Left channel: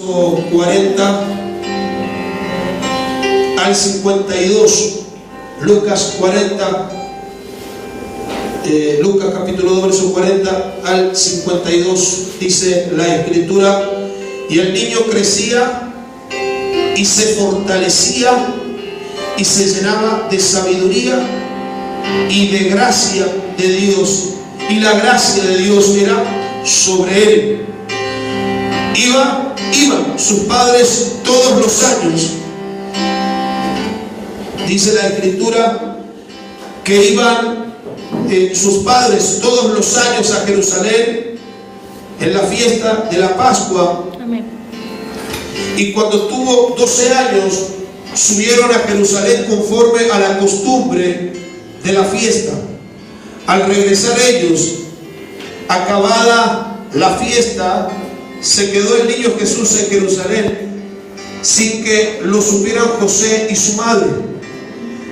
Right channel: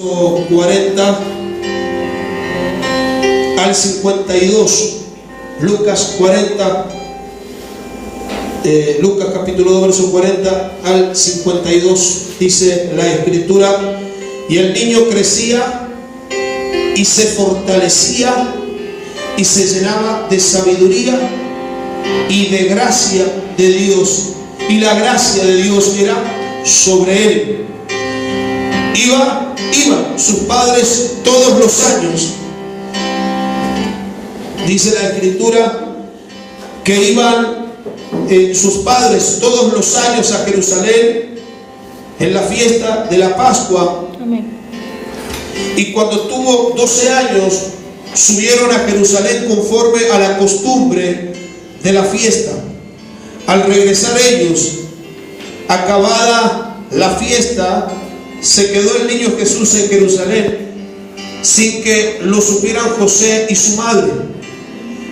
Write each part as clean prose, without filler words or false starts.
40 al 52. Lucas 40, Lucas capítulo 2, verso 40 al 52. Dice la Escritura: y el niño crecía y se fortalecía y se llenaba de sabiduría y de gracia de Dios, y la gracia de Dios era sobre él. Iban sus padres todos los años, dice la Escritura, que iban sus padres todos los años a Jerusalén en la fiesta de la Pascua. Amén. Y cuando tuvo 12 años, subieron a Jerusalén conforme a la costumbre de la fiesta. Al regresar ellos, acabada la fiesta, se quedó el niño Jesús en Jerusalén, sin que lo supieran José y su madre.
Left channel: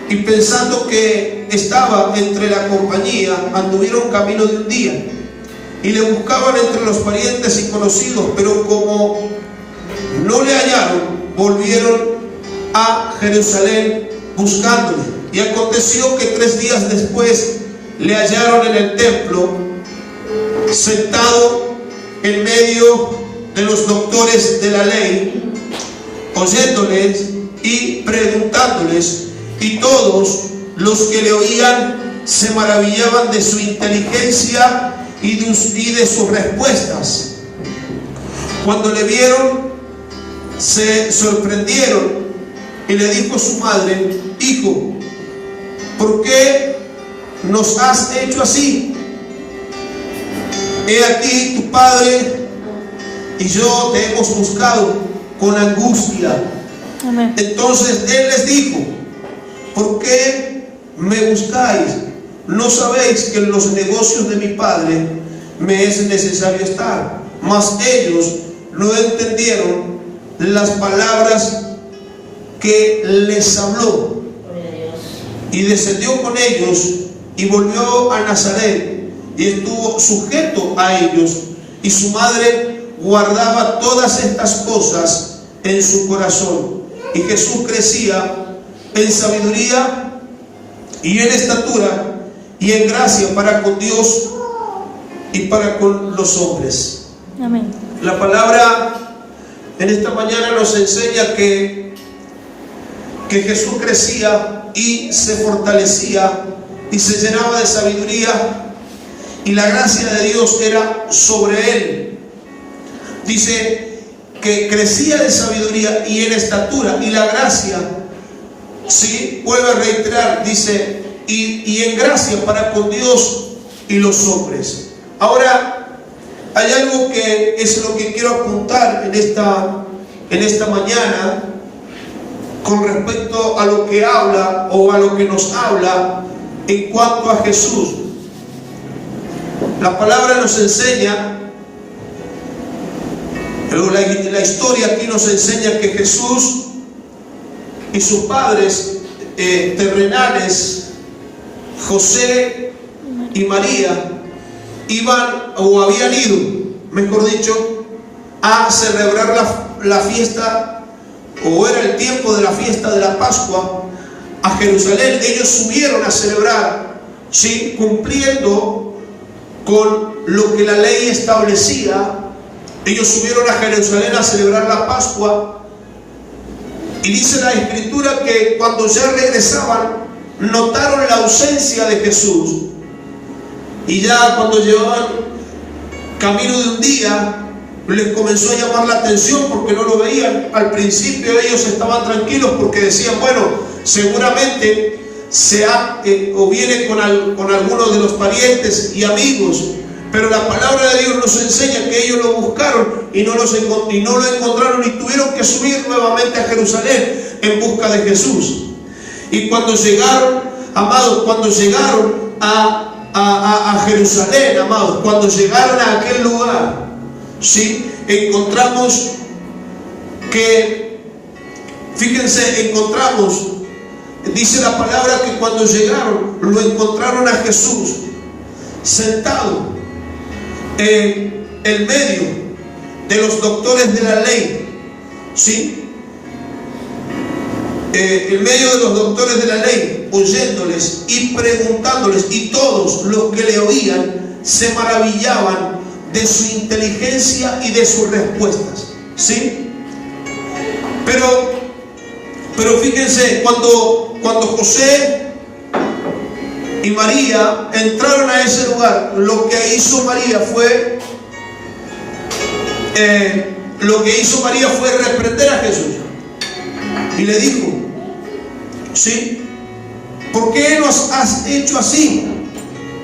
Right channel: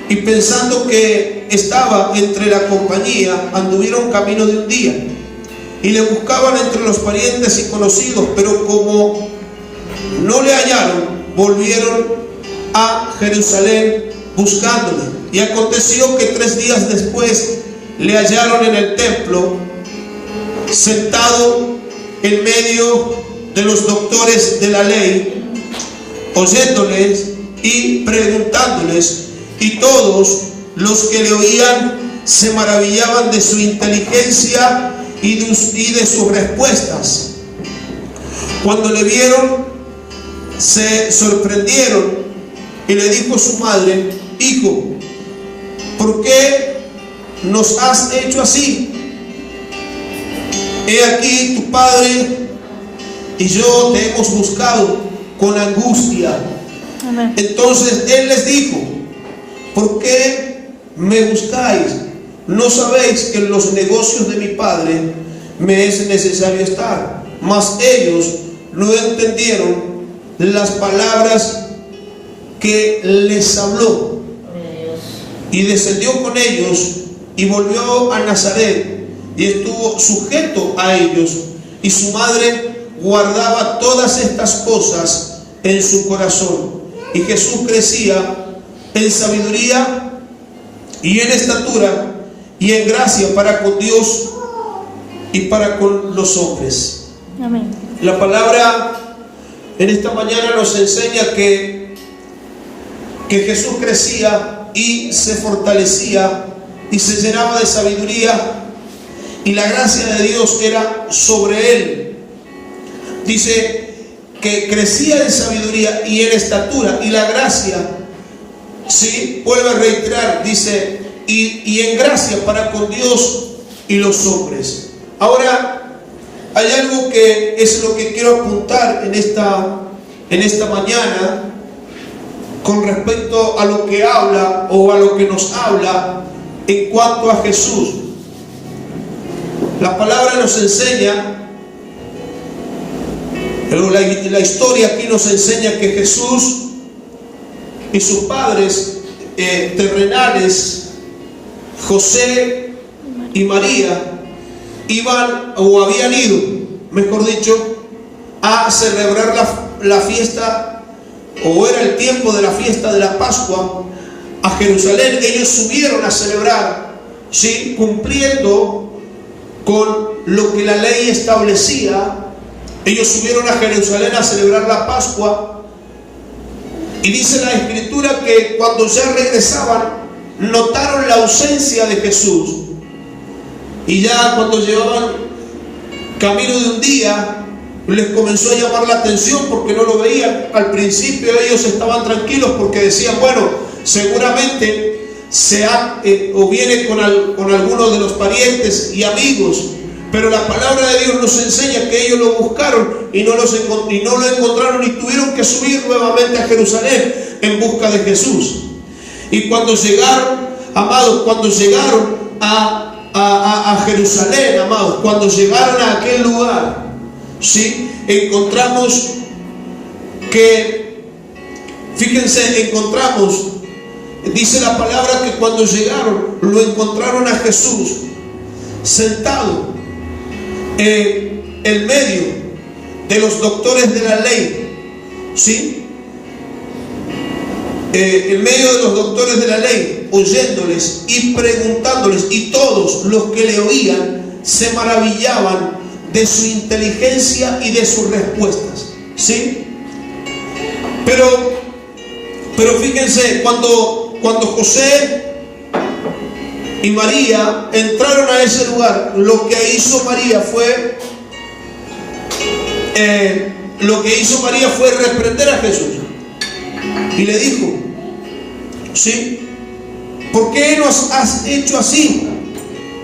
Y pensando que estaba entre la compañía, anduvieron camino de un día, y le buscaban entre los parientes y conocidos, pero como no le hallaron, volvieron a Jerusalén buscándole. Y aconteció que 3 días después le hallaron en el templo, sentado en medio de los doctores de la ley, oyéndoles y preguntándoles, y todos los que le oían se maravillaban de su inteligencia y de sus respuestas. Cuando le vieron, se sorprendieron, y le dijo su madre: hijo, ¿por qué nos has hecho así? He aquí tu padre y yo te hemos buscado con angustia. Amén. Entonces él les dijo: ¿por qué me buscáis? ¿No sabéis que en los negocios de mi padre me es necesario estar? Mas ellos no entendieron las palabras que les habló. Y descendió con ellos y volvió a Nazaret, y estuvo sujeto a ellos, y su madre guardaba todas estas cosas en su corazón. Y Jesús crecía en sabiduría y en estatura y en gracia para con Dios y para con los hombres. Amén. La palabra en esta mañana nos enseña que Jesús crecía y se fortalecía y se llenaba de sabiduría, y la gracia de Dios era sobre él. Dice que crecía en sabiduría y en estatura, y la gracia, sí, vuelve a reiterar, dice, y en gracia para con Dios y los hombres. Ahora, hay algo que es lo que quiero apuntar en esta mañana con respecto a lo que habla o a lo que nos habla en cuanto a Jesús. La palabra nos enseña, pero la historia aquí nos enseña que Jesús y sus padres terrenales, José y María, iban o habían ido, mejor dicho, a celebrar la fiesta, o era el tiempo de la fiesta de la Pascua, a Jerusalén. Ellos subieron a celebrar, ¿sí?, cumpliendo con lo que la ley establecía. Ellos subieron a Jerusalén a celebrar la Pascua, y dice la Escritura que cuando ya regresaban, notaron la ausencia de Jesús, y ya cuando llevaban camino de un día, les comenzó a llamar la atención porque no lo veían. Al principio ellos estaban tranquilos porque decían: bueno, seguramente o viene con algunos de los parientes y amigos. Pero la palabra de Dios nos enseña que ellos lo buscaron y no lo encontraron, y tuvieron que subir nuevamente a Jerusalén en busca de Jesús. Y cuando llegaron, amados, a Jerusalén, amados, cuando llegaron a aquel lugar, ¿sí?, encontramos que, fíjense, dice la palabra que cuando llegaron, lo encontraron a Jesús sentado en medio de los doctores de la ley, ¿sí? En medio de los doctores de la ley, oyéndoles y preguntándoles, y todos los que le oían se maravillaban de su inteligencia y de sus respuestas, ¿sí? Pero fíjense, cuando José y María entraron a ese lugar, lo que hizo María fue reprender a Jesús y le dijo, ¿sí? ¿Por qué nos has hecho así?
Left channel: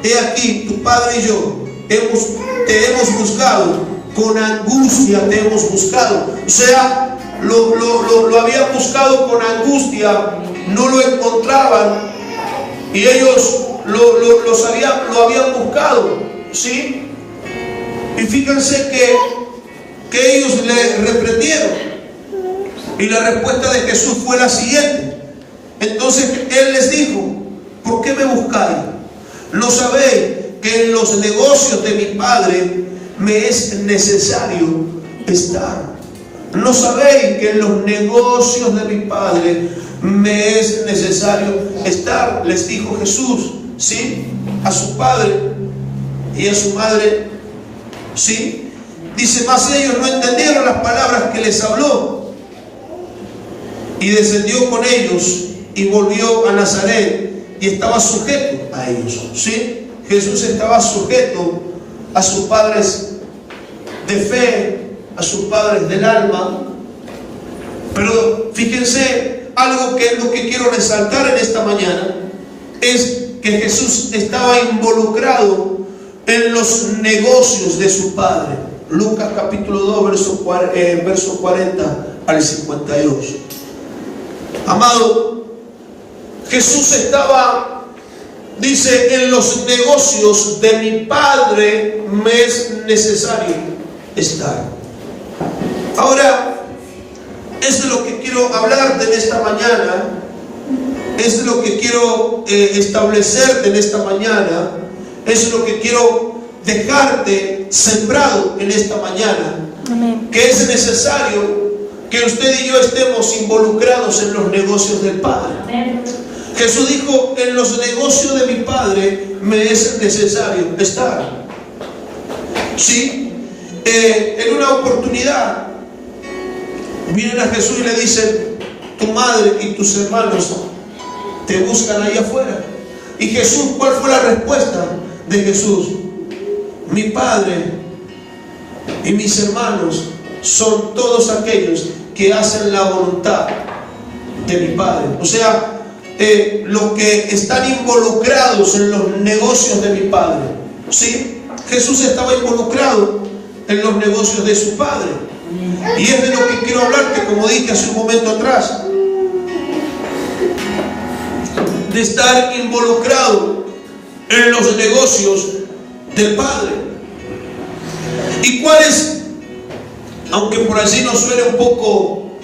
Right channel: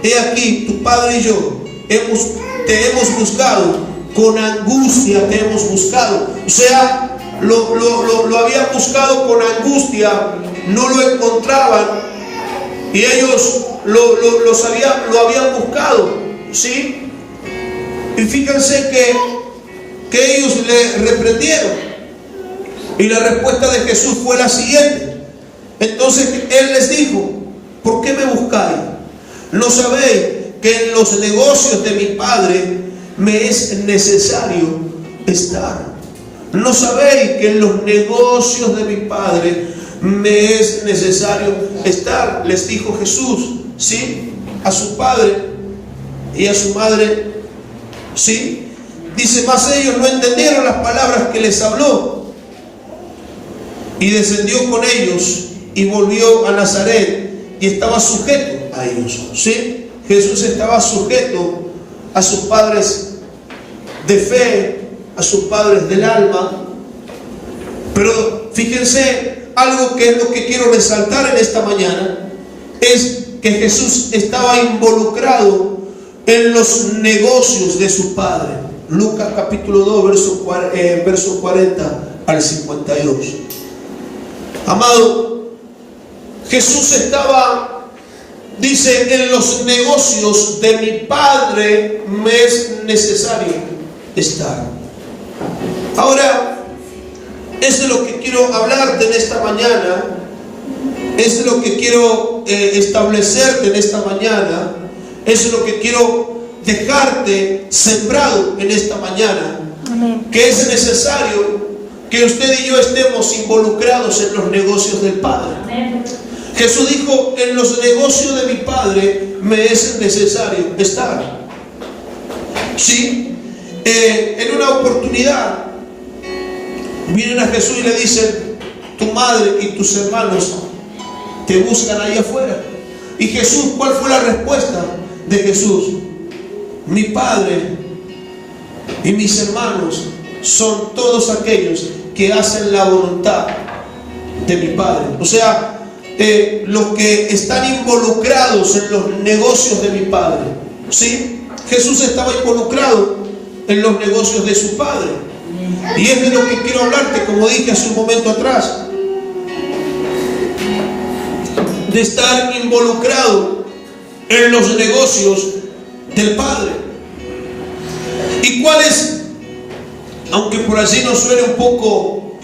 He aquí, tu padre y yo te hemos buscado, con angustia te hemos buscado. O sea, lo habían buscado con angustia, no lo encontraban y ellos lo habían buscado, ¿sí? Y fíjense que ellos le reprendieron y la respuesta de Jesús fue la siguiente. Entonces Él les dijo, ¿por qué me buscáis? ¿No sabéis que en los negocios de mi Padre me es necesario estar? ¿No sabéis que en los negocios de mi Padre me es necesario estar? Les dijo Jesús, ¿sí? A su padre y a su madre, ¿sí? Dice, mas ellos no entendieron las palabras que les habló. Y descendió con ellos y volvió a Nazaret y estaba sujeto a ellos, ¿sí? Jesús estaba sujeto a sus padres de fe, a sus padres del alma. Pero fíjense, algo que es lo que quiero resaltar en esta mañana es que Jesús estaba involucrado en los negocios de su Padre. Lucas capítulo 2, verso 40 al 52. Amado, Jesús estaba, dice, en los negocios de mi Padre me es necesario estar. Ahora, es de lo que quiero hablarte en esta mañana, es de lo que quiero establecerte en esta mañana, es de lo que quiero dejarte sembrado en esta mañana. Amén. Que es necesario que usted y yo estemos involucrados en los negocios del Padre. Amén. Jesús dijo, en los negocios de mi Padre me es necesario estar. ¿Sí? En una oportunidad vienen a Jesús y le dicen, tu madre y tus hermanos te buscan allá afuera. Y Jesús, ¿cuál fue la respuesta de Jesús? Mi Padre y mis hermanos son todos aquellos que hacen la voluntad de mi Padre. O sea, los que están involucrados en los negocios de mi Padre, ¿sí? Jesús estaba involucrado en los negocios de su Padre. Y es de lo que quiero hablarte, como dije hace un momento atrás, de estar involucrado en los negocios del Padre. ¿Y cuál es? Aunque por allí nos suene un poco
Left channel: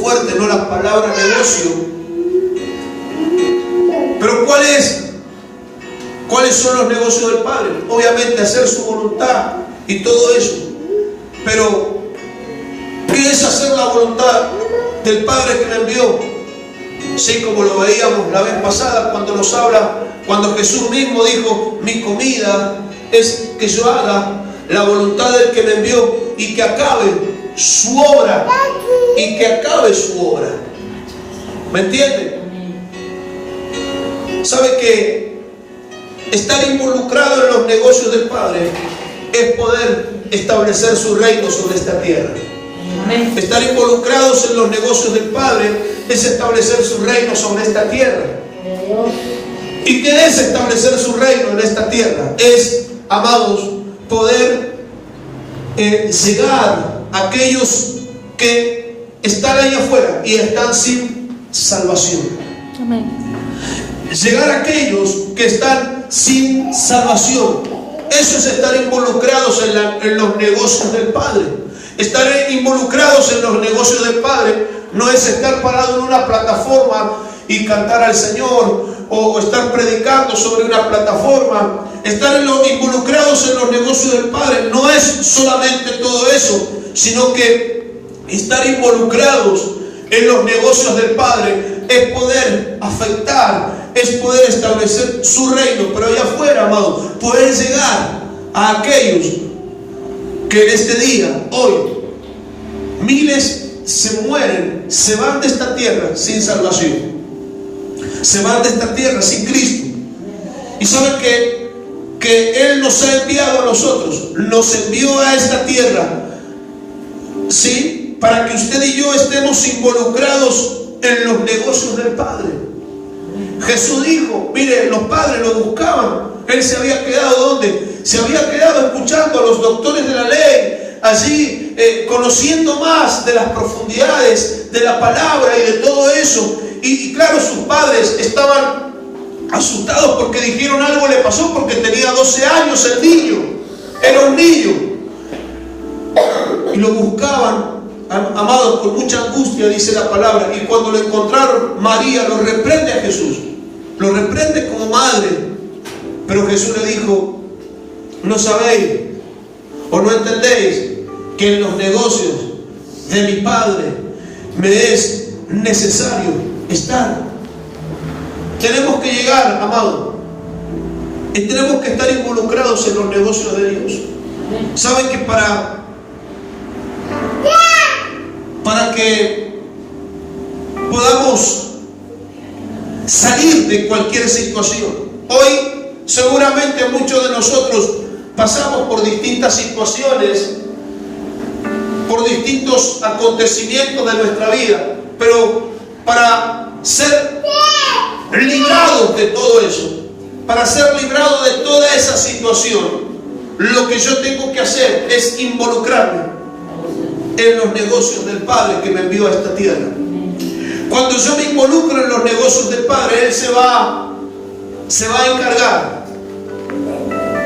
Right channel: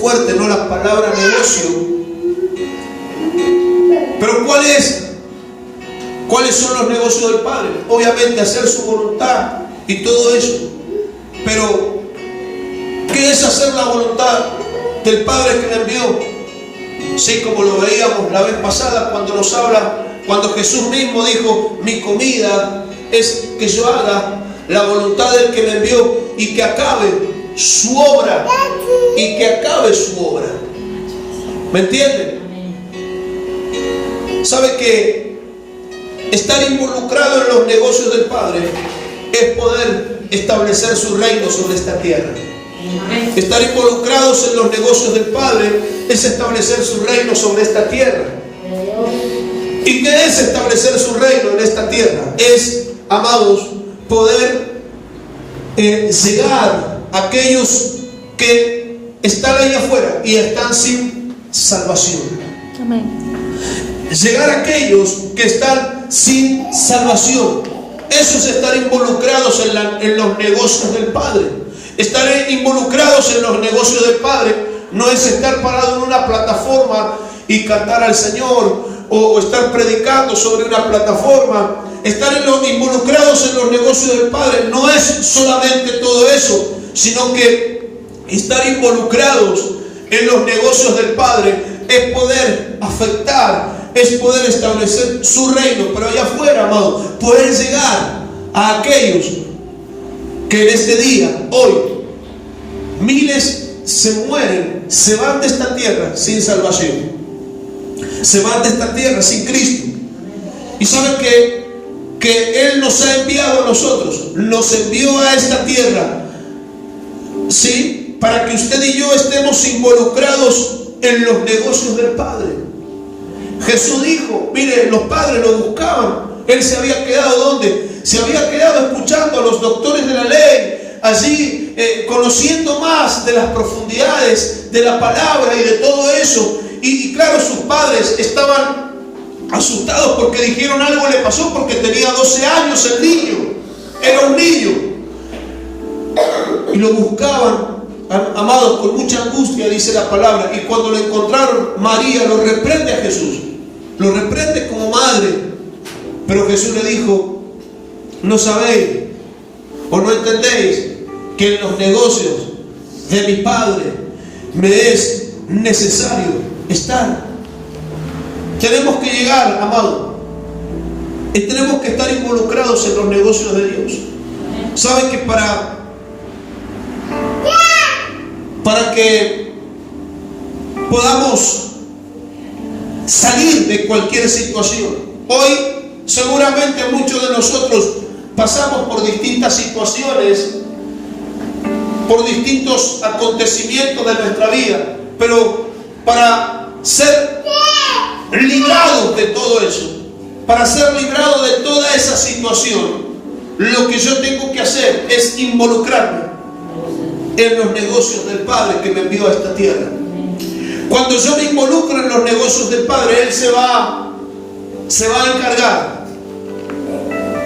fuerte, ¿no?, la palabra negocio. Pero ¿cuáles son los negocios del Padre? Obviamente hacer su voluntad y todo eso. Pero ¿qué es hacer la voluntad del Padre que me envió? Sí, como lo veíamos la vez pasada cuando nos habla, cuando Jesús mismo dijo, mi comida es que yo haga la voluntad del que me envió y que acabe su obra. Y que acabe su obra. ¿Me entienden? ¿Sabe que estar involucrado en los negocios del Padre es poder establecer su reino sobre esta tierra? Estar involucrados en los negocios del Padre es establecer su reino sobre esta tierra. ¿Y qué es establecer su reino en esta tierra? Es, amados, poder llegar a aquellos que están ahí afuera y están sin salvación. Amén. Llegar a aquellos que están sin salvación. Eso es estar involucrados en los negocios del Padre. Estar involucrados en los negocios del Padre no es estar parado en una plataforma y cantar al Señor, o estar predicando sobre una plataforma. Estar involucrados en los negocios del Padre no es solamente todo eso, sino que y estar involucrados en los negocios del Padre es poder afectar, es poder establecer su reino, pero allá afuera, amado, poder llegar a aquellos que en este día, hoy, miles se mueren, se van de esta tierra sin salvación, se van de esta tierra sin Cristo. Y saben que Él nos ha enviado a nosotros, nos envió a esta tierra, ¿sí? Para que usted y yo estemos involucrados en los negocios del Padre. Jesús dijo, mire, los padres lo buscaban. Él se había quedado, ¿dónde? Se había quedado escuchando a los doctores de la ley, allí conociendo más de las profundidades de la palabra y de todo eso. Y claro, sus padres estaban asustados porque dijeron algo le pasó, porque tenía 12 años el niño, era un niño. Y lo buscaban, amados, con mucha angustia, dice la palabra. Y cuando lo encontraron, María lo reprende a Jesús, lo reprende como madre. Pero Jesús le dijo, no sabéis o no entendéis que en los negocios de mi Padre me es necesario estar. Tenemos que llegar, amado, y tenemos que estar involucrados en los negocios de Dios. Saben que para que podamos salir de cualquier situación. Hoy seguramente muchos de nosotros pasamos por distintas situaciones, por distintos acontecimientos de nuestra vida, pero para ser librados de todo eso, para ser librados de toda esa situación, lo que yo tengo que hacer es involucrarme en los negocios del Padre que me envió a esta tierra. Cuando yo me involucro en los negocios del Padre, Él se va a encargar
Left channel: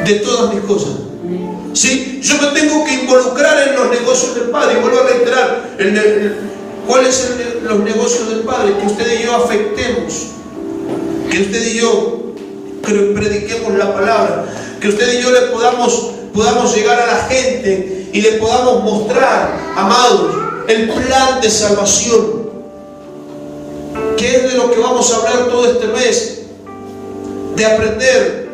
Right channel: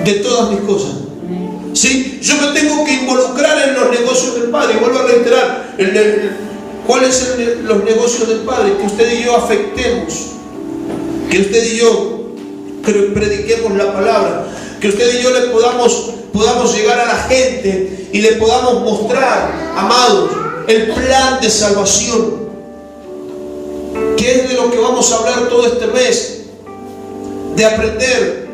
de todas mis cosas. ¿Sí? Yo me tengo que involucrar en los negocios del Padre. Y vuelvo a reiterar, ¿cuáles son los negocios del Padre? Que usted y yo afectemos, que usted y yo prediquemos la palabra, que usted y yo le podamos llegar a la gente y le podamos mostrar, amados, el plan de salvación, que es de lo que vamos a hablar todo este mes, de aprender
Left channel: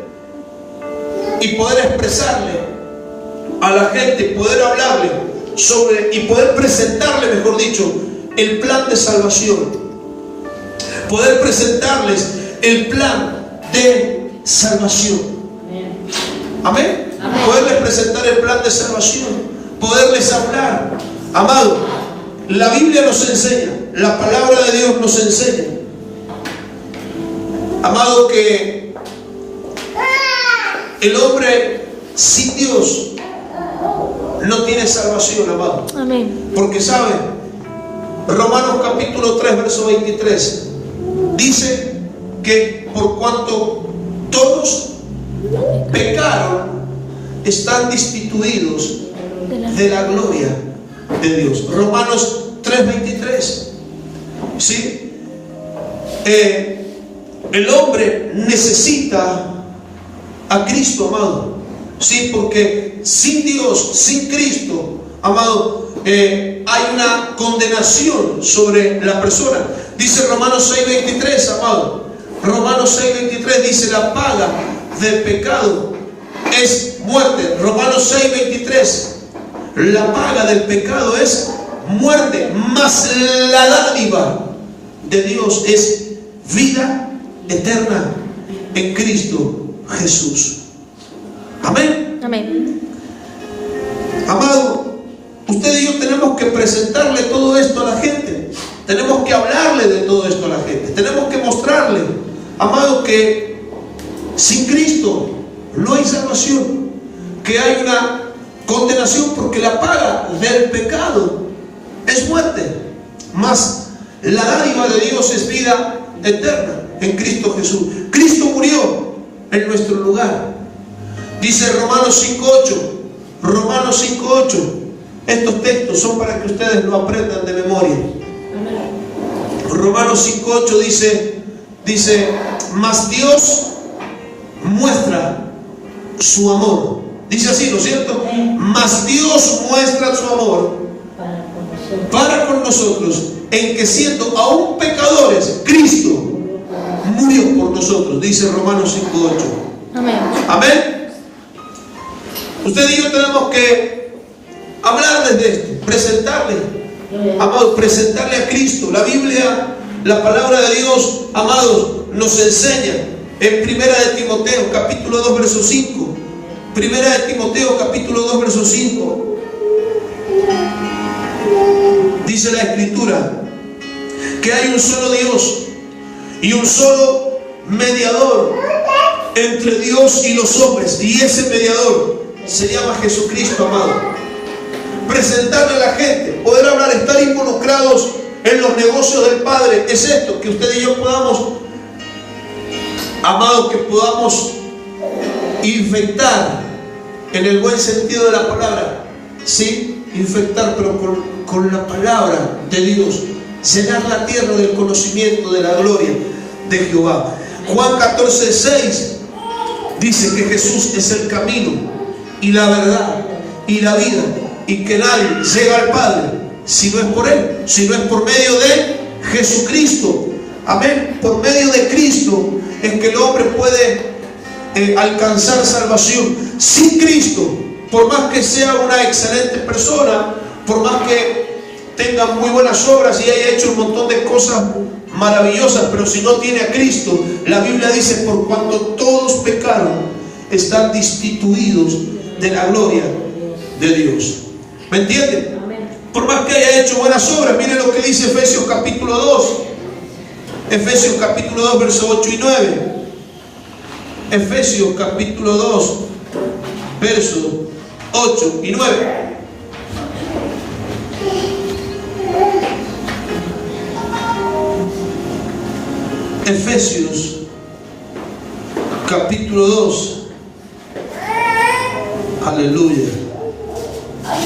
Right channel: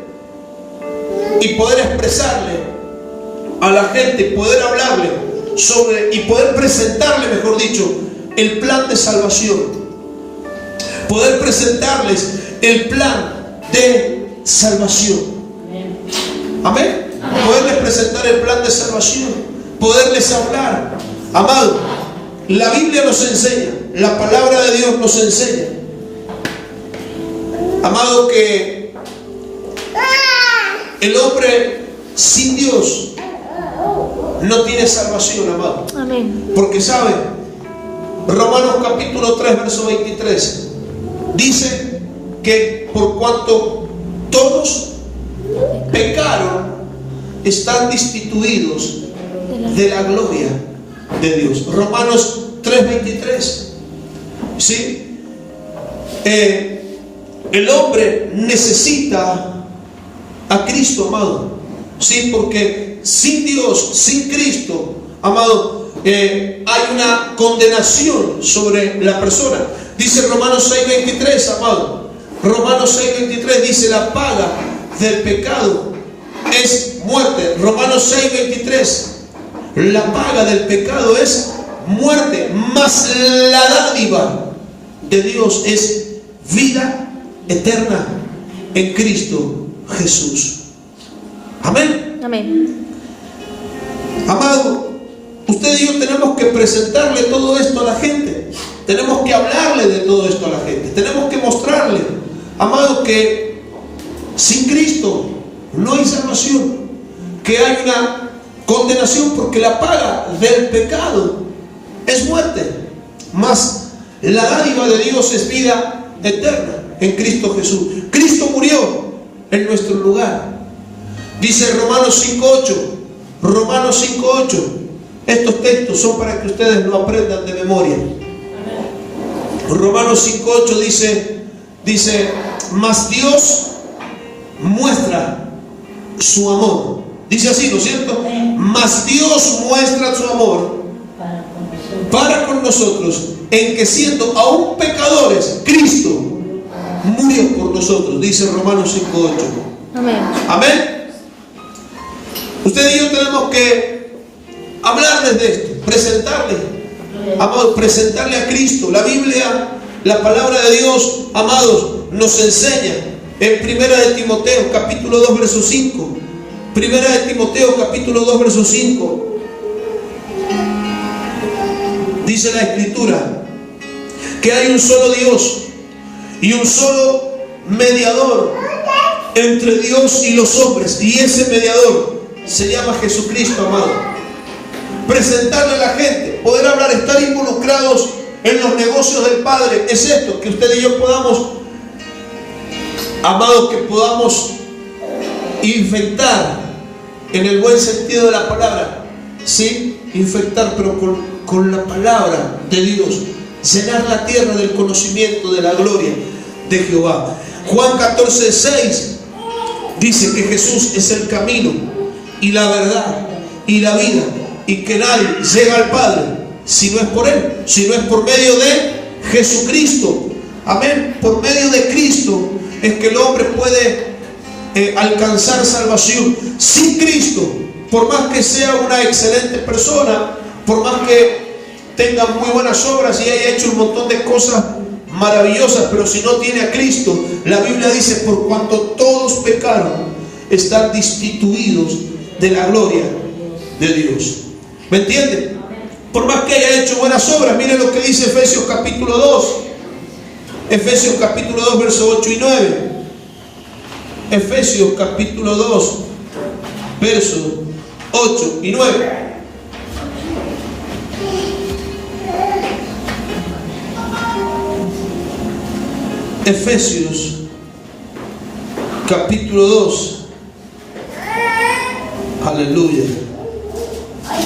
y poder expresarle a la gente, poder hablarle sobre y poder presentarle, mejor dicho, el plan de salvación, poder presentarles el plan de salvación. Amén. Poderles presentar el plan de salvación, poderles hablar. Amado, la Biblia nos enseña, la palabra de Dios nos enseña, amado, que el hombre sin Dios no tiene salvación, amado. Amén. Porque sabe, Romanos capítulo 3, verso 23, dice que por cuanto todos pecaron, están destituidos de la gloria de Dios. Romanos 3:23. ¿Sí? El hombre necesita a Cristo, amado. ¿Sí? Porque sin Dios, sin Cristo, amado, hay una condenación sobre la persona. Dice Romanos 6:23, amado. Romanos 6:23 dice: la paga del pecado es muerte. Romanos 6:23, la paga del pecado es muerte, mas la dádiva de Dios es vida eterna en Cristo Jesús. Amén. Amén. Amado, usted y yo tenemos que presentarle todo esto a la gente. Tenemos que hablarle de todo esto a la gente. Tenemos que mostrarle, amado, que sin Cristo no hay salvación, que hay una condenación, porque la paga del pecado es muerte, mas la dádiva de Dios es vida eterna en Cristo Jesús. Cristo murió en nuestro lugar. Dice Romanos 5:8. Romanos 5:8. Estos textos son para que ustedes lo aprendan de memoria. Romanos 5:8 dice: mas Dios muestra su amor. Dice así, ¿no es cierto? Mas Dios muestra su amor para con nosotros, en que siendo aún pecadores, Cristo murió por nosotros, dice Romanos 5:8. Amén. Amén. Usted y yo tenemos que hablarles de esto, presentarles, amados, presentarle a Cristo. La Biblia, la palabra de Dios, amados, nos enseña en 1 de Timoteo capítulo 2 verso 5. 1 de Timoteo capítulo 2 verso 5. Dice la Escritura que hay un solo Dios y un solo mediador entre Dios y los hombres, y ese mediador se llama Jesucristo, amado. Presentarle a la gente, poder hablar, estar involucrados en los negocios del Padre, es esto, que usted y yo podamos, amados, que podamos infectar en el buen sentido de la palabra, ¿sí? Infectar, pero con la palabra de Dios, llenar la tierra del conocimiento de la gloria de Jehová. Juan 14:6 dice que Jesús es el camino y la verdad y la vida, y que nadie llega al Padre si no es por Él, si no es por medio de Jesucristo. Amén. Por medio de Cristo es que el hombre puede alcanzar salvación. Sin Cristo, por más que sea una excelente persona, por más que tenga muy buenas obras y haya hecho un montón de cosas maravillosas, pero si no tiene a Cristo, la Biblia dice, por cuanto todos pecaron, están destituidos de la gloria de Dios. ¿Me entienden? Por más que haya hecho buenas obras, miren lo que dice Efesios capítulo 2. Efesios capítulo 2 versos 8 y 9. Efesios capítulo 2 versos 8 y 9. Efesios capítulo 2. Aleluya.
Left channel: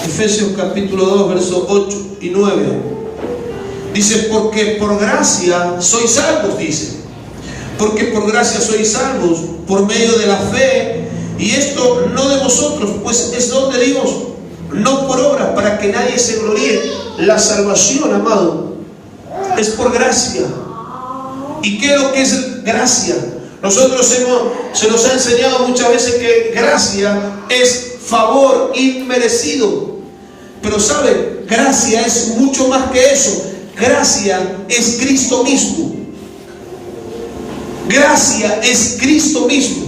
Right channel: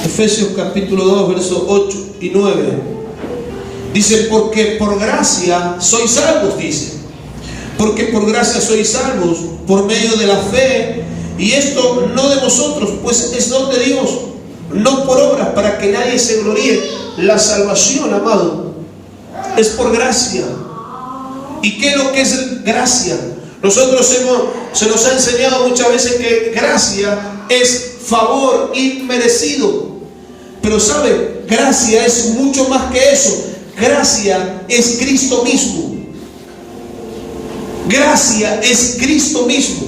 Efesios capítulo 2 versos 8 y 9. Dice, porque por gracia sois salvos, dice. Porque por gracia sois salvos por medio de la fe, y esto no de vosotros, pues es don de Dios, no por obras, para que nadie se gloríe. La salvación, amado, es por gracia. ¿Y qué es lo que es gracia? Nosotros se nos ha enseñado muchas veces que gracia es favor inmerecido. Pero ¿sabe? Gracia es mucho más que eso. Gracia es Cristo mismo. Gracia es Cristo mismo.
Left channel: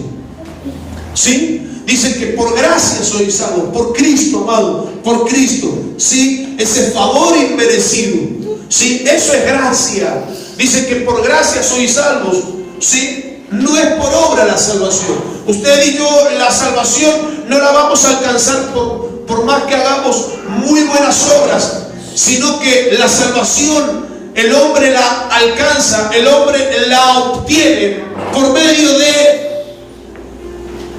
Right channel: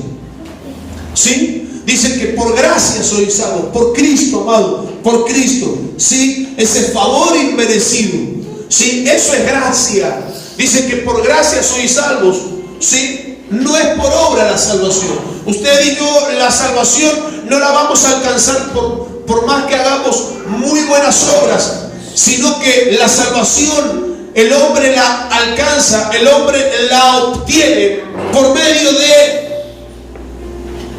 ¿Sí? Dice que por gracia sois salvos, por Cristo, amado, por Cristo. ¿Sí? Ese favor inmerecido. ¿Sí? Eso es gracia. Dice que por gracia sois salvos. ¿Sí? No es por obra la salvación. Usted y yo la salvación no la vamos a alcanzar por más que hagamos muy buenas obras, sino que la salvación el hombre la alcanza, el hombre la obtiene por medio de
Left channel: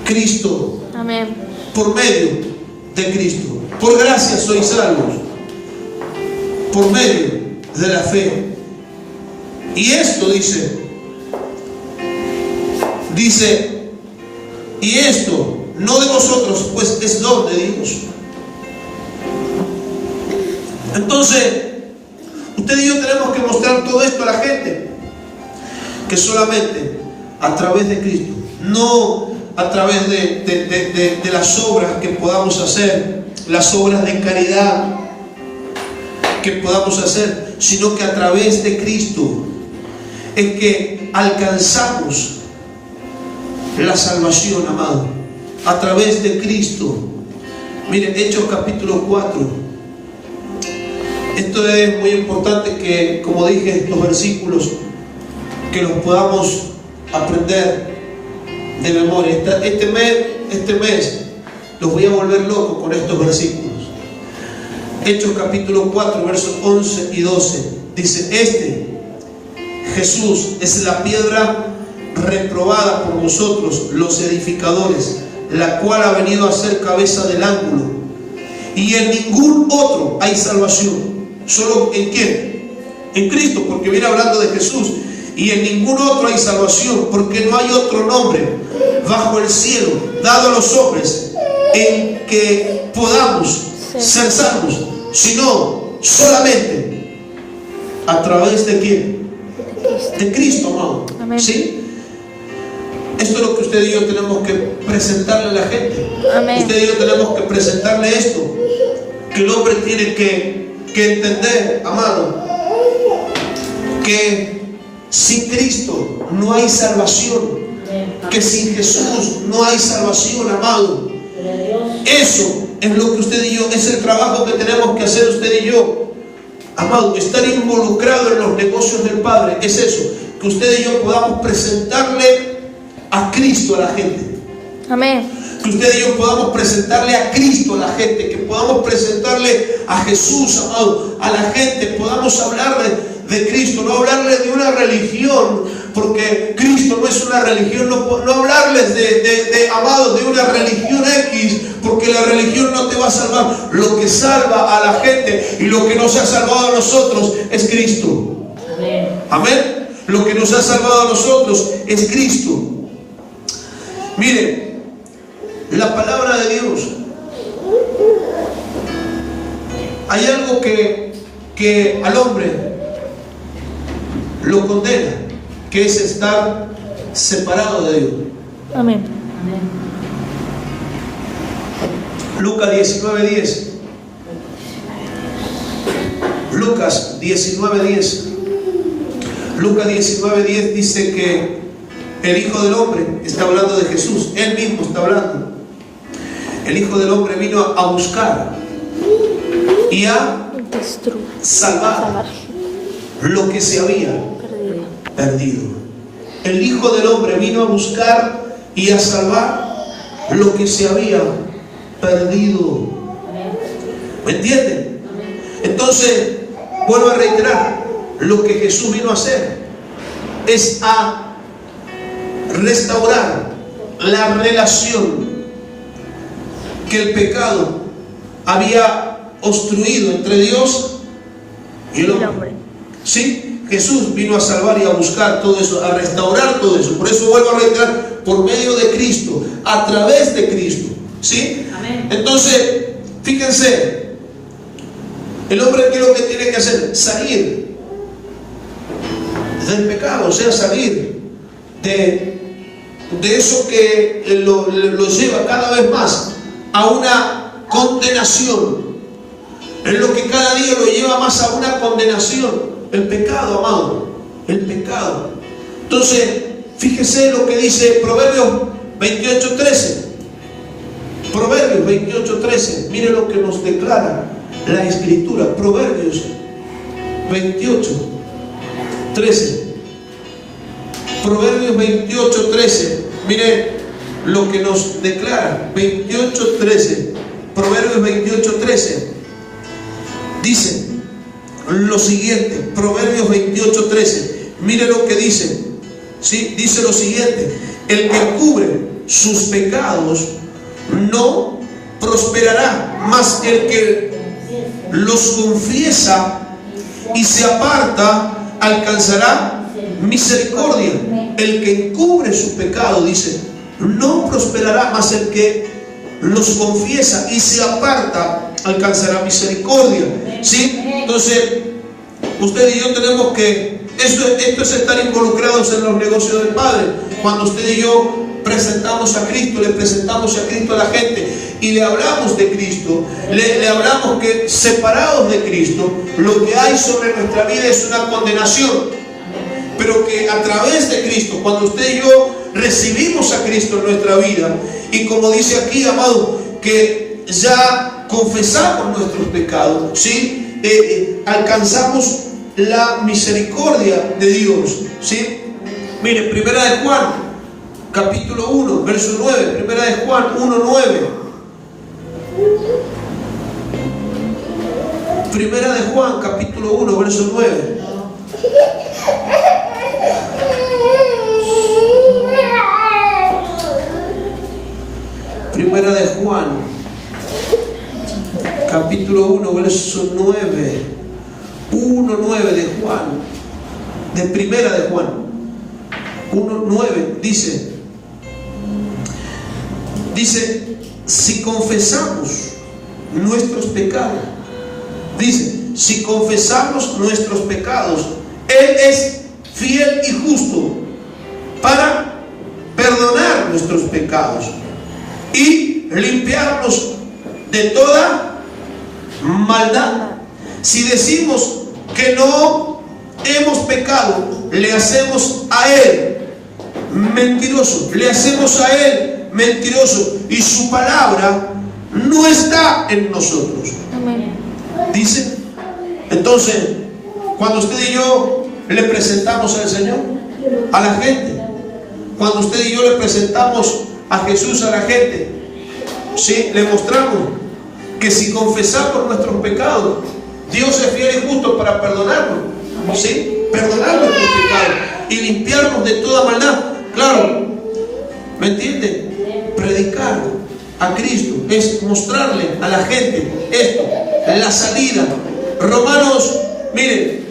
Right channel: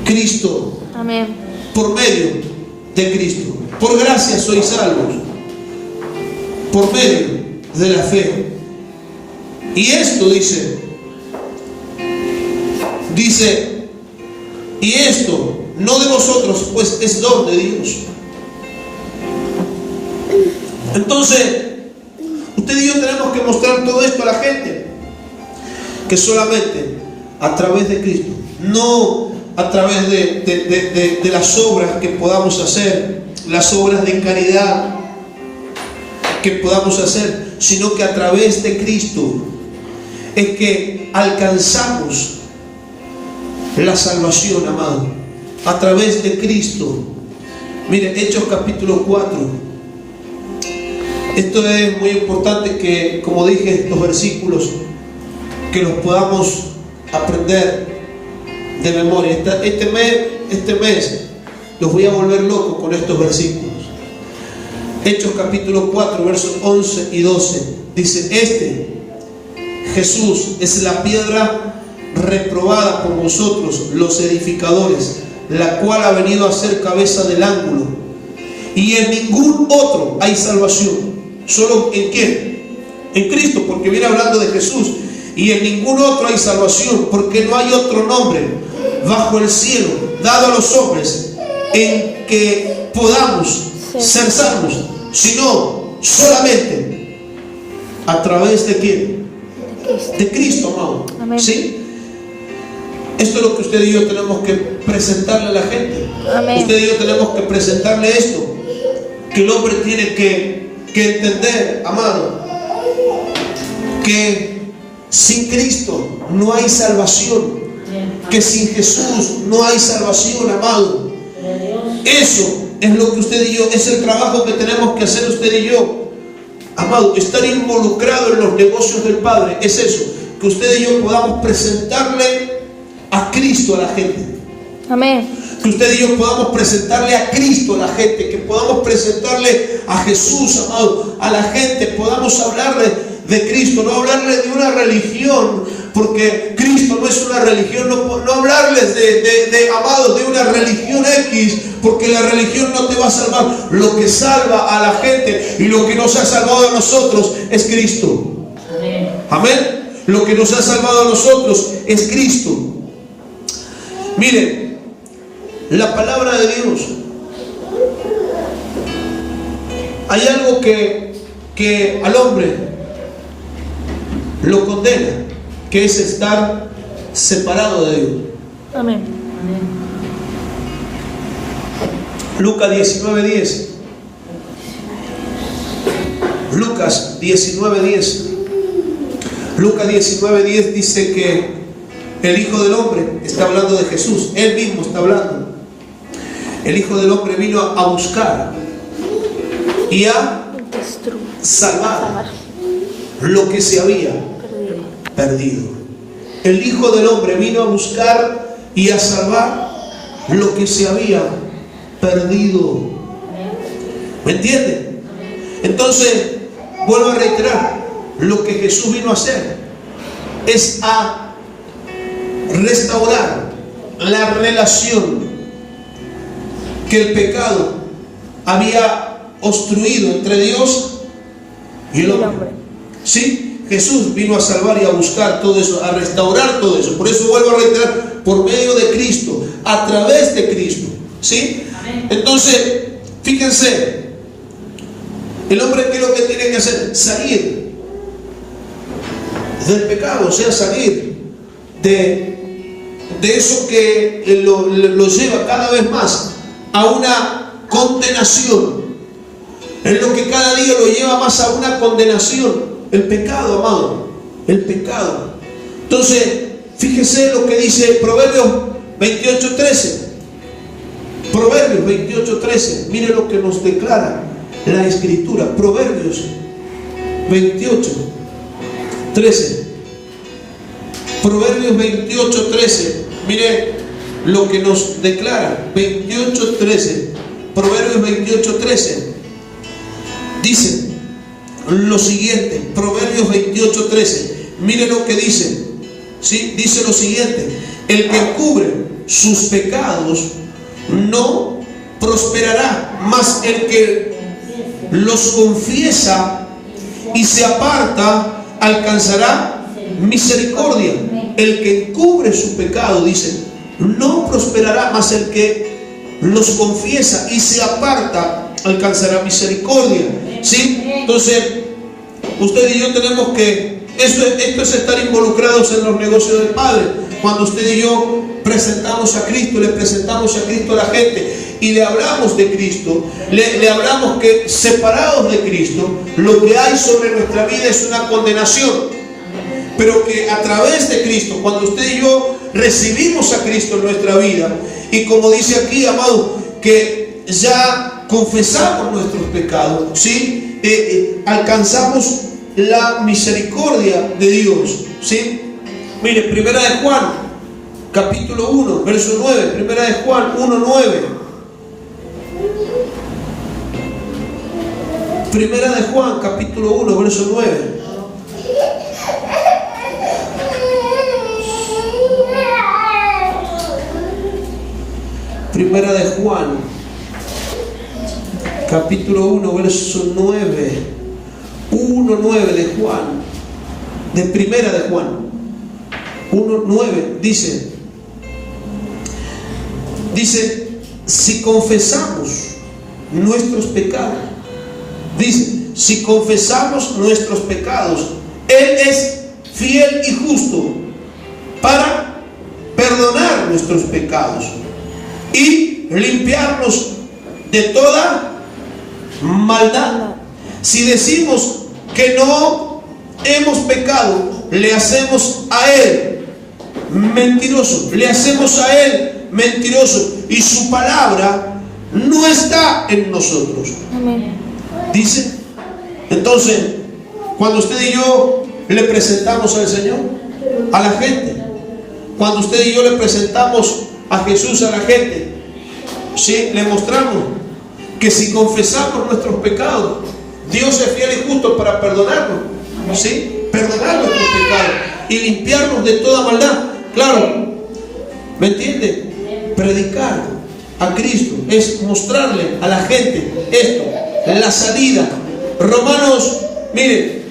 Cristo. Amén. Por medio de Cristo. Por gracia sois salvos. Por medio de la fe. Y esto dice, y esto no de vosotros, pues es don de Dios. Entonces, usted y yo tenemos que mostrar todo esto a la gente, que solamente a través de Cristo, no a través de las obras que podamos hacer, las obras de caridad que podamos hacer, sino que a través de Cristo es que alcanzamos la salvación, amado. A través de Cristo. Miren, Hechos capítulo 4. Esto es muy importante que, como dije, estos versículos que los podamos aprender de memoria. Este mes los voy a volver locos con estos versículos. Hechos capítulo 4 versos 11 y 12 dice, Jesús es la piedra reprobada por vosotros los edificadores, la cual ha venido a ser cabeza del ángulo, y en ningún otro hay salvación. ¿Solo en quién? En Cristo, porque viene hablando de Jesús. Y en ningún otro hay salvación, porque no hay otro nombre bajo el cielo dado a los hombres en que podamos ser salvos, sino solamente a través de quién? De Cristo, amado. Amén. ¿Sí? Esto es lo que usted y yo tenemos que presentarle a la gente. Amén. Usted y yo tenemos que presentarle esto, que el hombre tiene que entender, amado, que sin Cristo no hay salvación, que sin Jesús no hay salvación, amado. Eso es lo que usted y yo, es el trabajo que tenemos que hacer usted y yo, amado. Estar involucrado en los negocios del Padre es eso, que usted y yo podamos presentarle a Cristo a la gente. Amén. Que usted y yo podamos presentarle a Cristo a la gente, que podamos presentarle a Jesús, amado, a la gente, podamos hablarle de Cristo, no hablarle de una religión, porque Cristo no es una religión, no hablarles amados, de una religión X, porque la religión no te va a salvar. Lo que salva a la gente y lo que nos ha salvado a nosotros es Cristo. Amén. Amén. Lo que nos ha salvado a nosotros es Cristo. Miren, la palabra de Dios, hay algo que al hombre lo condena, que es estar separado de Dios. Amén. Lucas 19:10. Lucas 19:10. Lucas 19:10 dice que el Hijo del Hombre, está hablando de Jesús, Él mismo está hablando. El Hijo del Hombre vino a buscar y a salvar lo que se había perdido. El Hijo del Hombre vino a buscar y a salvar lo que se había perdido. ¿Me entienden? Entonces, vuelvo a reiterar, lo que Jesús vino a hacer es a restaurar la relación que el pecado había obstruido entre Dios y el hombre. ¿Sí? Jesús vino a salvar y a buscar todo eso, a restaurar todo eso. Por eso vuelvo a reiterar, por medio de Cristo, a través de Cristo. ¿Sí? Amén. Entonces, fíjense, el hombre, ¿qué es lo que tiene que hacer? Salir del pecado, o sea, salir de eso que lo lleva cada vez más a una condenación. Es lo que cada día lo lleva más a una condenación. El pecado, amado, el pecado. Entonces, fíjese lo que dice Proverbios 28:13. Proverbios 28:13. Mire lo que nos declara la Escritura. Proverbios 28:13. Proverbios 28:13. Mire lo que nos declara. 28:13. Proverbios 28:13. Dice lo siguiente. Proverbios 28:13. Mire lo que dice. ¿Sí? Dice lo siguiente: el que cubre sus pecados no prosperará, mas el que los confiesa y se aparta alcanzará misericordia. El que encubre su pecado, dice, no prosperará, mas el que los confiesa y se aparta alcanzará misericordia. ¿Sí? Entonces, usted y yo tenemos que, esto es estar involucrados en los negocios del Padre. Cuando usted y yo presentamos a Cristo, le presentamos a Cristo a la gente y le hablamos de Cristo, le hablamos que separados de Cristo, lo que hay sobre nuestra vida es una condenación. Pero que a través de Cristo, cuando usted y yo recibimos a Cristo en nuestra vida, y como dice aquí, amado, que ya confesamos nuestros pecados, ¿sí? Alcanzamos la misericordia de Dios, ¿sí? Mire, Primera de Juan, capítulo 1, verso 9. Primera de Juan 1:9. Primera de Juan, capítulo 1, verso 9. Primera de Juan, capítulo 1, verso 9. 1:9 de Juan, de Primera de Juan 1:9 dice, si confesamos nuestros pecados, dice, si confesamos nuestros pecados, Él es fiel y justo para perdonar nuestros pecados y limpiarnos de toda maldad. Si decimos que no hemos pecado, le hacemos a Él mentiroso, y su palabra no está en nosotros. Amén. Dice, entonces, cuando usted y yo le presentamos al Señor, a la gente, cuando usted y yo le presentamos a Jesús a la gente, ¿sí? Le mostramos que si confesamos nuestros pecados, Dios es fiel y justo para perdonarnos, ¿sí? Perdonar nuestros pecados y limpiarnos de toda maldad. Claro, ¿me entiende? Predicar a Cristo es mostrarle a la gente esto, la salida. Romanos, miren,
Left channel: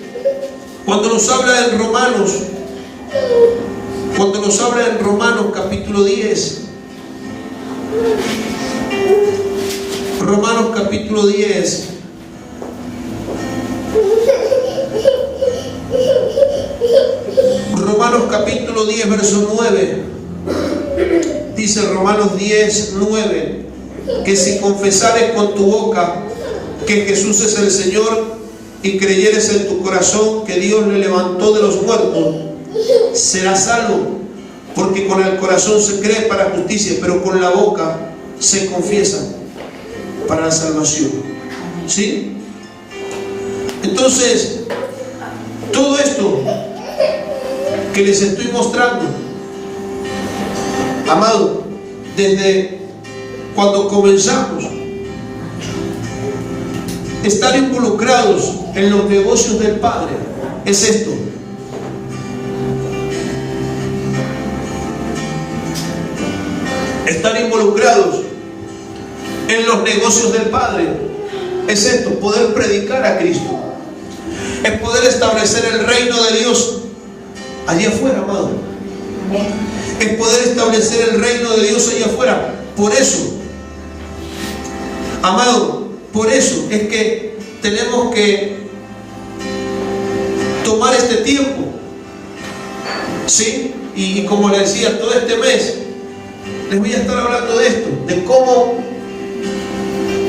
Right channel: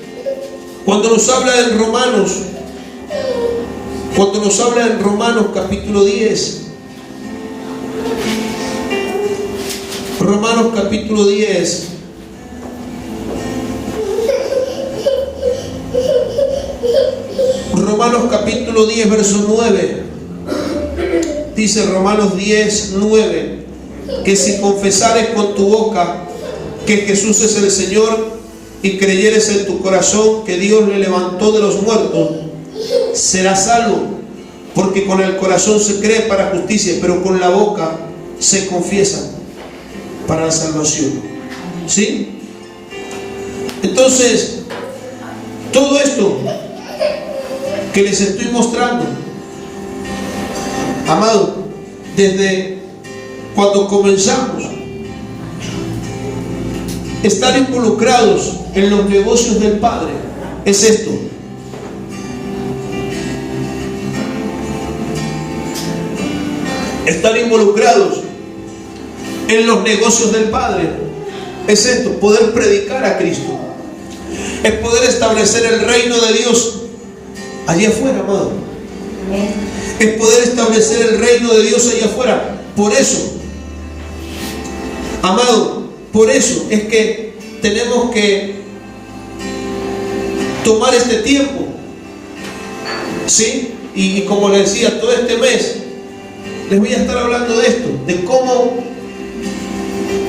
cuando nos habla en Romanos capítulo 10, Romanos capítulo 10, Romanos capítulo 10, verso 9. Dice Romanos 10, 9, que si confesares con tu boca que Jesús es el Señor y creyeres en tu corazón que Dios le levantó de los muertos, serás salvo, porque con el corazón se cree para justicia, pero con la boca se confiesa para la salvación. ¿Sí? Entonces, todo esto que les estoy mostrando, amado, desde cuando comenzamos, estar involucrados en los negocios del Padre, es esto. Estar involucrados en los negocios del Padre es esto, poder predicar a Cristo, es poder establecer el reino de Dios allá afuera, amado. Es poder establecer el reino de Dios allá afuera. Por eso, amado, por eso es que tenemos que tomar este tiempo, ¿sí? Y como les decía, todo este mes les voy a estar hablando de esto, de cómo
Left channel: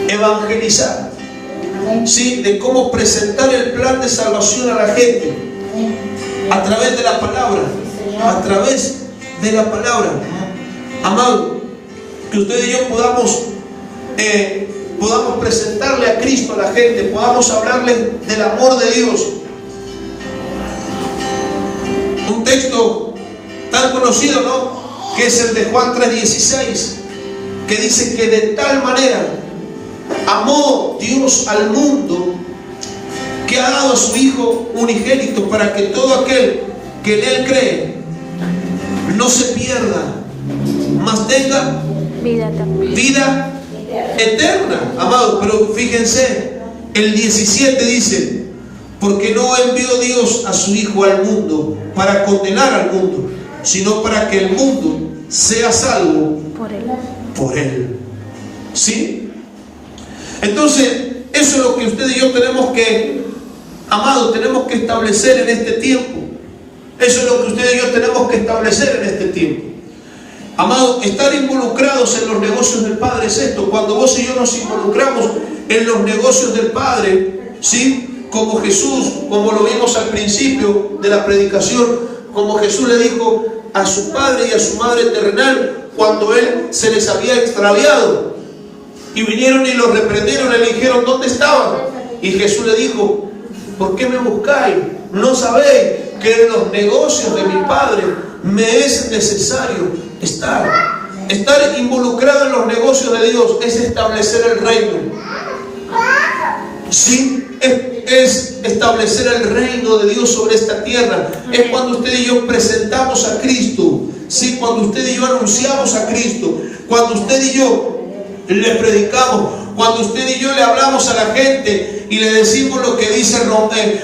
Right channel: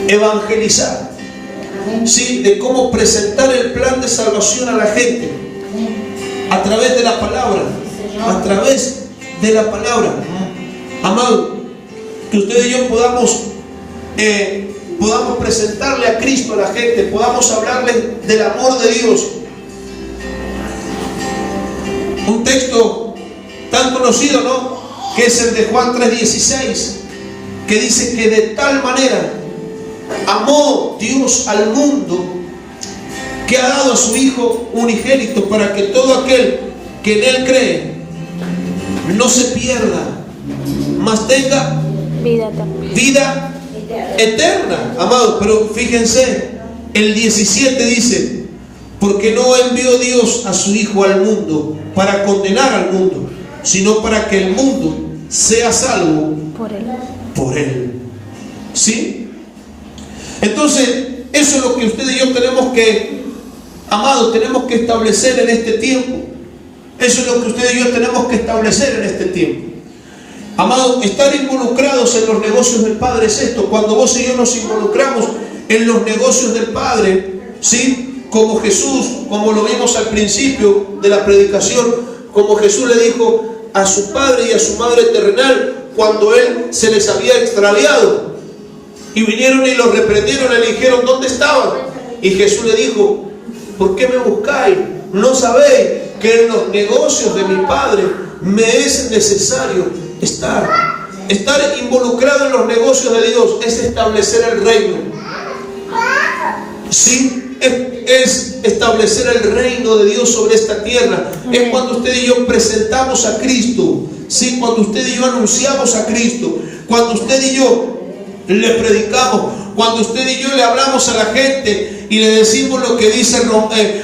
evangelizar, ¿sí? De cómo presentar el plan de salvación a la gente a través de la palabra, a través de la palabra. Amado, que usted y yo podamos presentarle a Cristo a la gente, podamos hablarle del amor de Dios. Un texto tan conocido, ¿no?, que es el de Juan 3:16, que dice que de tal manera amó Dios al mundo que ha dado a su Hijo unigénito, para que todo aquel que en Él cree no se pierda, mas tenga vida eterna, amado. Pero fíjense, el 17 dice, porque no envió Dios a su Hijo al mundo para condenar al mundo, sino para que el mundo sea salvo por Él. ¿Sí? Entonces, eso es lo que usted y yo tenemos que, amado, tenemos que establecer en este tiempo. Eso es lo que usted y yo tenemos que establecer en este tiempo. Amado, estar involucrados en los negocios del Padre es esto. Cuando vos y yo nos involucramos en los negocios del Padre, ¿sí? Como Jesús, como lo vimos al principio de la predicación, como Jesús le dijo a su padre y a su madre terrenal cuando Él se les había extraviado, y vinieron y los reprendieron y le dijeron ¿dónde estaban? Y Jesús le dijo, ¿por qué me buscáis? ¿No sabéis que en los negocios de mi Padre me es necesario estar? Estar involucrado en los negocios de Dios es establecer el reino. Sí, es establecer el reino de Dios sobre esta tierra. Es cuando usted y yo presentamos a Cristo, sí, cuando usted y yo anunciamos a Cristo, cuando usted y yo le predicamos, cuando usted y yo le hablamos a la gente y le decimos lo que dice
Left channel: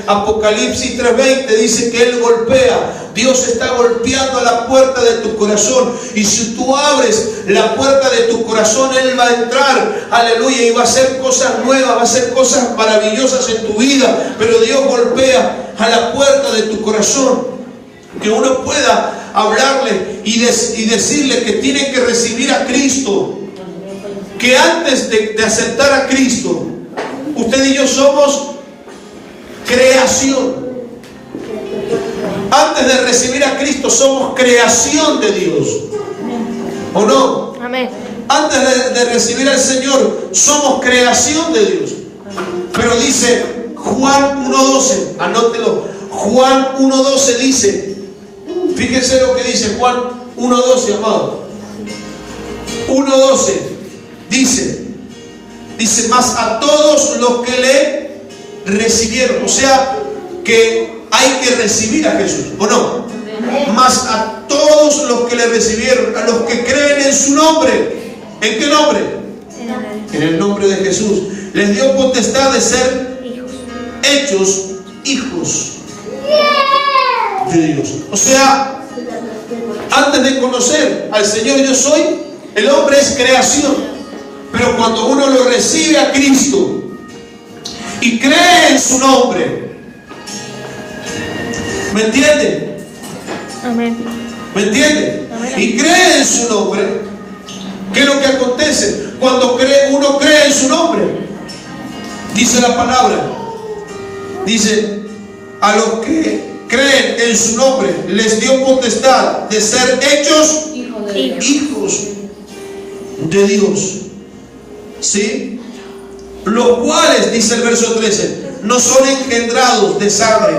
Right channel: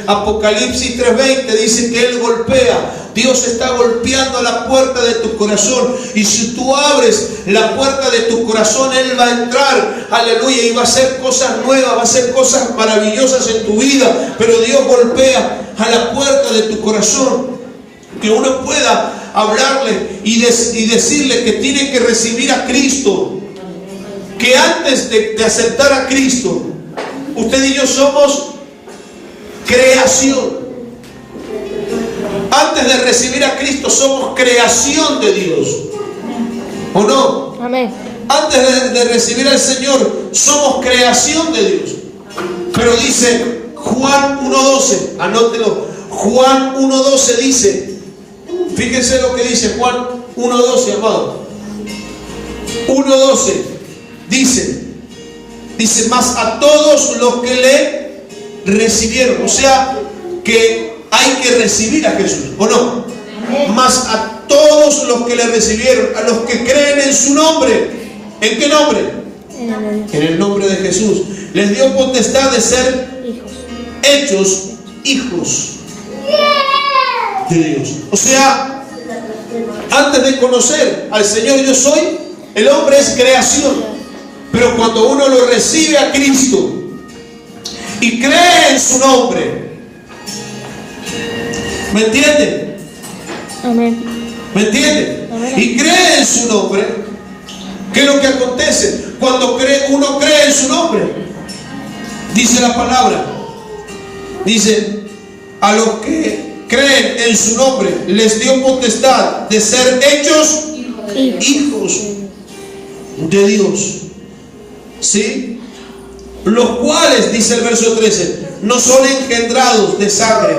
Apocalipsis 3:20, dice que Él golpea. Dios está golpeando a la puerta de tu corazón, y si tú abres la puerta de tu corazón, Él va a entrar, aleluya, y va a hacer cosas nuevas, va a hacer cosas maravillosas en tu vida. Pero Dios golpea a la puerta de tu corazón, que uno pueda hablarle y decirle que tiene que recibir a Cristo, que antes de aceptar a Cristo, usted y yo somos creación. Antes de recibir a Cristo somos creación de Dios, ¿o no? Amén. Antes de recibir al Señor somos creación de Dios. Pero dice Juan 1:12, anótelo. Juan 1:12 dice, fíjense lo que dice Juan 1:12, amado. 1:12 dice, más a todos los que le recibieron. O sea, que hay que recibir a Jesús, ¿o no? Más a todos los que le recibieron, a los que creen en su nombre. ¿En qué nombre? En el nombre de Jesús. Les dio potestad de ser hechos hijos de Dios. O sea, antes de conocer al Señor yo soy, el hombre es creación. Pero cuando uno lo recibe a Cristo y cree en su nombre, ¿me entiende? Amén. ¿Me entiende? Amén. Y cree en su nombre. ¿Qué es lo que acontece? Cuando uno cree en su nombre, dice la palabra, dice, a los que creen en su nombre les dio potestad de ser hechos hijos de Dios. ¿Sí? Los cuales, dice el verso 13, no son engendrados de sangre,